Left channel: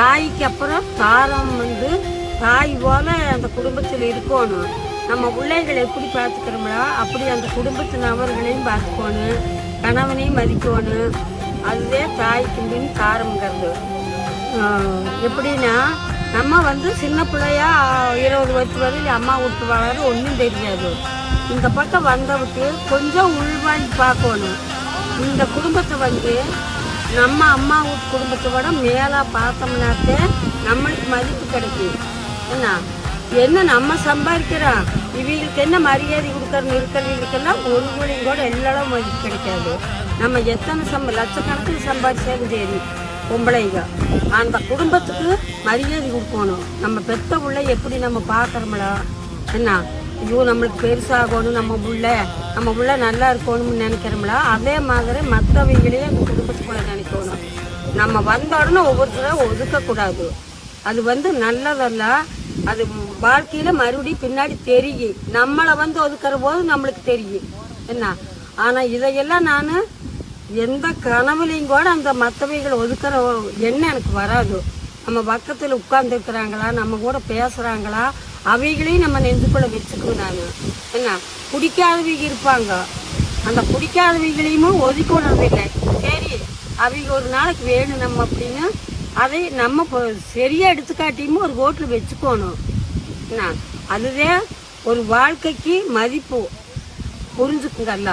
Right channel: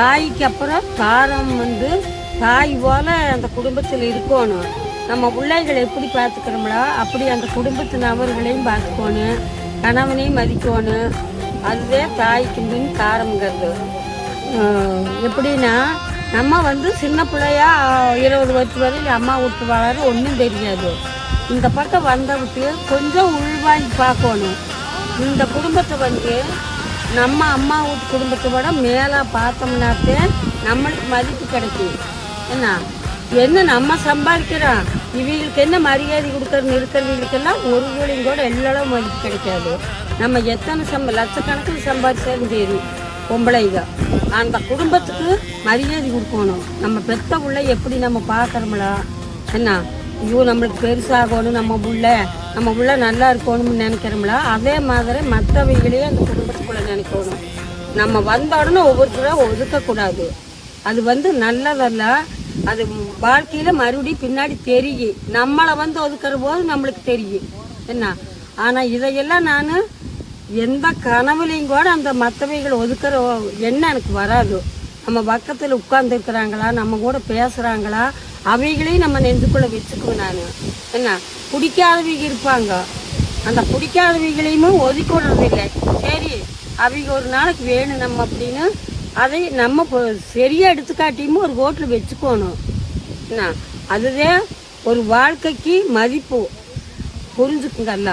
தாய்க்கு அப்புறம் தாரம் தாய் போல அந்த குடும்பத்தில் இருக்கணும். நம்ம பிள்ளைகளை எப்படி பார்த்துக்கிறோம்னா அப்படி அந்த குடும்பத்து நபர்களையும் பார்த்துக்கணும், கணவனையும் மதிக்கணும். அதுதான் தாய்க்கு பின் தாரம்ங்கிறது. எப்படின்னா நம்ம சின்ன பிள்ளையா 20 வருஷம் வரையும் அம்மா விட்டு வளர ஒன்றும் தெரியாது. இந்த பக்கம் வந்தவுக்கு கொஞ்சம் உள்வாங்கி பார்க்கணும். இந்த குடும்பத்தை நம்ம அம்மா வீட்டு குடும்பத்தை விட மேலே பார்த்தோம்னாக்க நம்மளுக்கு மதிப்பு கிடைக்கும். என்ன நம்ம சம்பாதிக்கிறோம், இவங்களுக்கு என்ன மரியாதை இருக்கிறதுக்கெல்லாம் ஒரு ஊழியும் கூட எல்லாரும் மதிப்பு கிடைக்காது. நம்ம எத்தனை லட்சக்கணக்கில் சம்பாதிச்சாலும் சரி, பொம்பளைங்க அந்த குடும்பத்துக்கு மரியாதை கொடுக்கணும். நம்ம பெத்த உள்ள எப்படி நம்ம பார்க்கறோம்ல, ஐயோ நம்மளுக்கு பெருசாகணும், நம்ம புள்ள நல்லா இருக்கணும்னு நினைக்கிறோம்ல, அதே மாதிரி மற்றவைகளையும் அந்த குடும்பத்துக்குள்ள நினைக்கணும். நம்ம வந்த உடனே ஒவ்வொருத்தரும் ஒதுக்கக்கூடாது. அது நல்லதல்ல. அது வாழ்க்கையில மறுபடியும் பின்னாடி தெரியும். நம்மளை ஒதுக்குற போது நம்மளுக்கு தெரியும் ஆனா இதையெல்லாம் நான் எந்த கனவுலையும் கூட அந்த மற்றவைகளை ஒதுக்குற எண்ணம் எனக்கு வராது. நம்ம பக்கத்துல உட்கார்ந்து இருக்கிறாங்களா, நம்ம கூட பேசுறாங்களா, அவைகளையும் நம்ம நெஞ்சுக்குள்ள வச்சுக்குவேன். நான் பிடிக்காதவங்க இருப்பாங்க, அந்த பிடிக்காதவைகளையும் ஒதுக்கி விடுறது இல்லை. சரி அவங்க ஒரு நாளைக்கு வேணும் நம்ம அப்படின்னு அதை நம்ம சரியா எடுத்துக்காட்டியும் ஒரு ரோட்ல வச்சுக்கணும். அதுதான் ஒரு வாழ்க்கைக்கு மதிப்பு. புரிஞ்சுக்குங்கல்ல.